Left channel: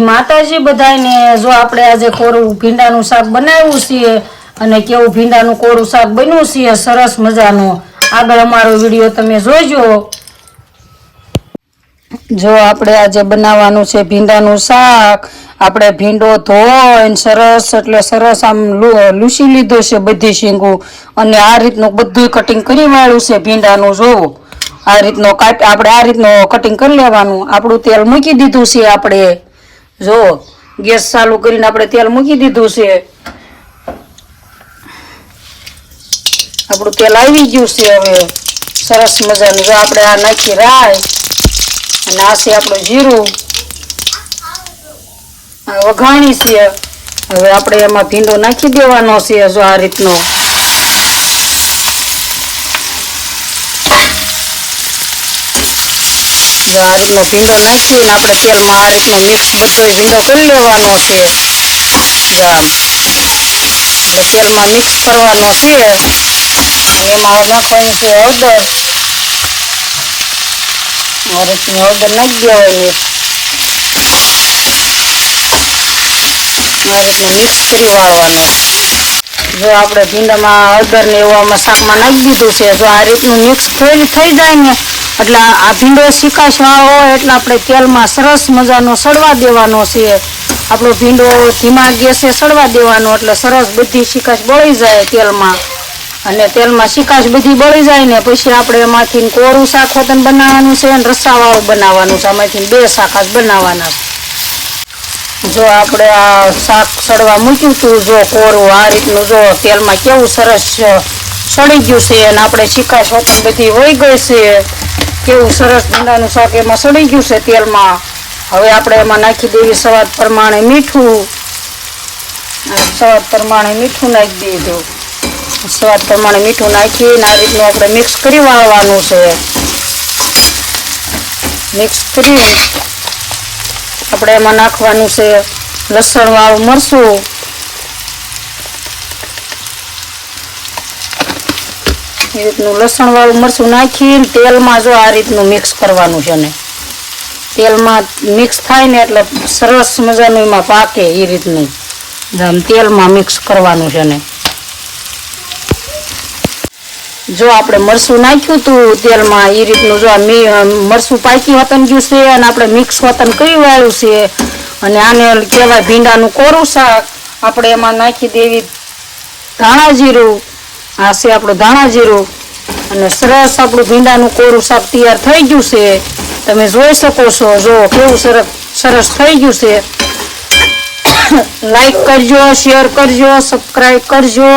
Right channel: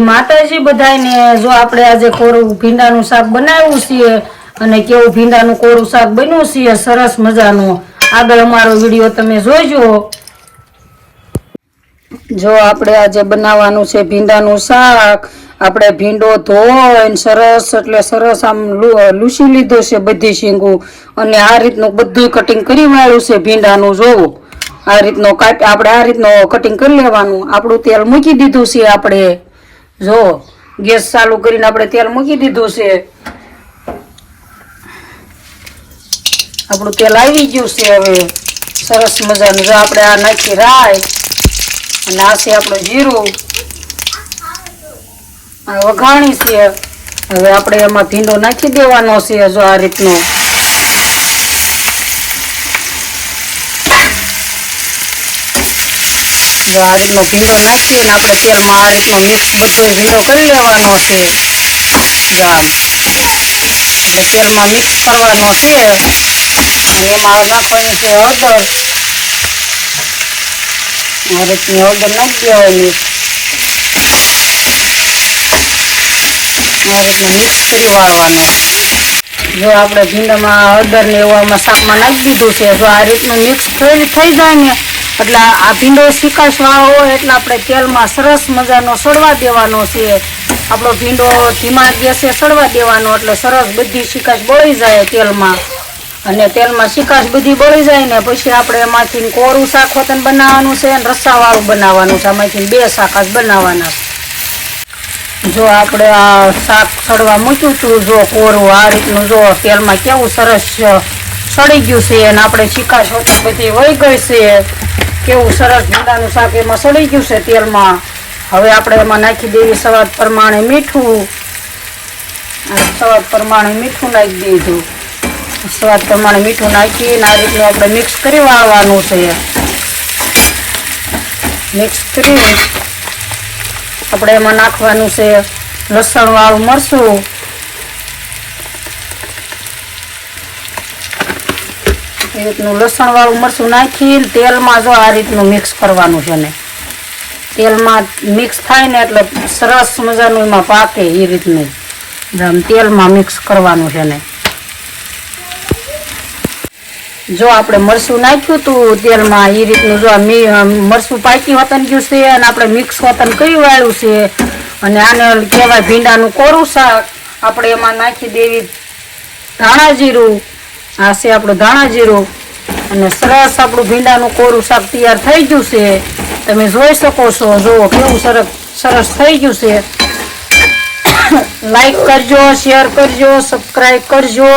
માતાજી બધાને જો આપણે આજે કોરું ભીંડાનું શાક બનાવ્યું છે અને કેવું ભીંડાનું કોરું શાક બન્યું છે સરસ મજાનું આગળ અમારો વિડિયો તમે જોજો। જો આપણે આજે બનાવવાનું છે ભીંડાનું શાક। આપણે ભીંડો ધોઈને સરસ એટલે સરસ આમ લૂસી લીધો છે બધી શીંગો અને આ રીતનું બધું કટિંગ કરી વાળું છે ભીંડાનું। જો આ રીતનો આપણે આ રીતનો કટિંગ કરી લેવાનું। આપણું તેલ મૂકી દીધું છે આપણે। જો ગેસ ચાલુ કરીને આપણે તેલ મૂકી દીધું છે। આપણું તેલ આવી ગયું છે હવે સરસ મજાનું। જો આપણે આ નાખી રાઈ અને આ છે આપણું જીરું વઘાણી છે। હવે આપણે એમાં ભીંડો નાખી દેવાનો છે। જો આ રીતનો આ રીતનો ભીંડો નાખીને આપણે તેલમાં આ રીતનો મિક્સ બધો ભીંડો કરી લેવાનો છે। જો આમ એટલે તેલમાં મિક્સ કરવાનો છે અને એમાં નાખવાનું છે હળદર। આ રીતની હળદર નાખી દેવાની। આ રીતનું મિક્સ કરી વાળવાનું। જો આપણે ભીંડામાં હળદર ને એવામાં શાકમાં નાખી દીધું છે। જો આ રીતનું મિક્સ થઈ જાય ને એટલે આ ભીંડો શીકાશ વાળો હોય એટલે આપણે તેલમાં સરસ મજાનો સડવા દેવાનો છે। આપણો ભીંડો ધીમા ગેસે સડવા દેવાનો એટલે સરસ બધી શીકાશ બળી જાય તેલમાં અને તેલમાં શીકાશ બધી બળી જાય ને પછી આપણે એમાંથી કોરું શાક હોતન બનાવવાનું છે અને રસાવાળું બનાવવાનું છે। એમાંથી બે શાક જ બનાવવાના છે। જો આપણે શાક સડવા મૂક્યું હતું જો કોરું આ રીતનું જો તેલમાં કેવું સરસ સડી ગયું છે અને આપણે શીકાશ હોતન બધી વહી ગઈ છે। કેવું સરસ ભીંડાનું શાક એમાં સડી ગયું છે તેલમાં। હવે આપણે એમાં નાખી દેવી સ્વાદ પ્રમાણે મીઠું। સ્વાદ પ્રમાણે મીઠું નાખી દીધું। સ્વાદ પ્રમાણે મીઠું નાખીને આ રીતનું આપણે મિક્સ કરી વાળવાનું છે। મિક્સ કરી આપણે એમાં નાખવાનું છે લસણ વાળું મરચું। એ રીતનું લસણ વાળું મરચું નાખીને તેલમાં જો આ રીતનું મિક્સ કરવાનું છે ને તેલમાં મિક્સ થાય ને એટલે સરસ મજાનું એમાં પાકે એ રીતનું તેલમાં મિક્સ કરવાનું છે ને। જો આપણે મરચું નાખ્યું હતું તેલમાં એ રીતનું જો મરચું પાકી વતન ગયું છે અને આપણે મિક્સ વતન કરી વાળ્યું છે અને આને કહેવાય ભીંડાનું કોરું શાક। આપણે એમાં નાખી દેવી ધાણા જીરું। આ છે આપણું ધાણા જીરું અને સરસ આપણું ભીંડાનું કોરું શાક તૈયાર થઈ ગયું છે। તમે જોઈ શકો છો જો કેવું સરસ થઈ ગયું છે। લાઈક કરજો, શેર કરજો, સબસ્ક્રાઈબ કરજો।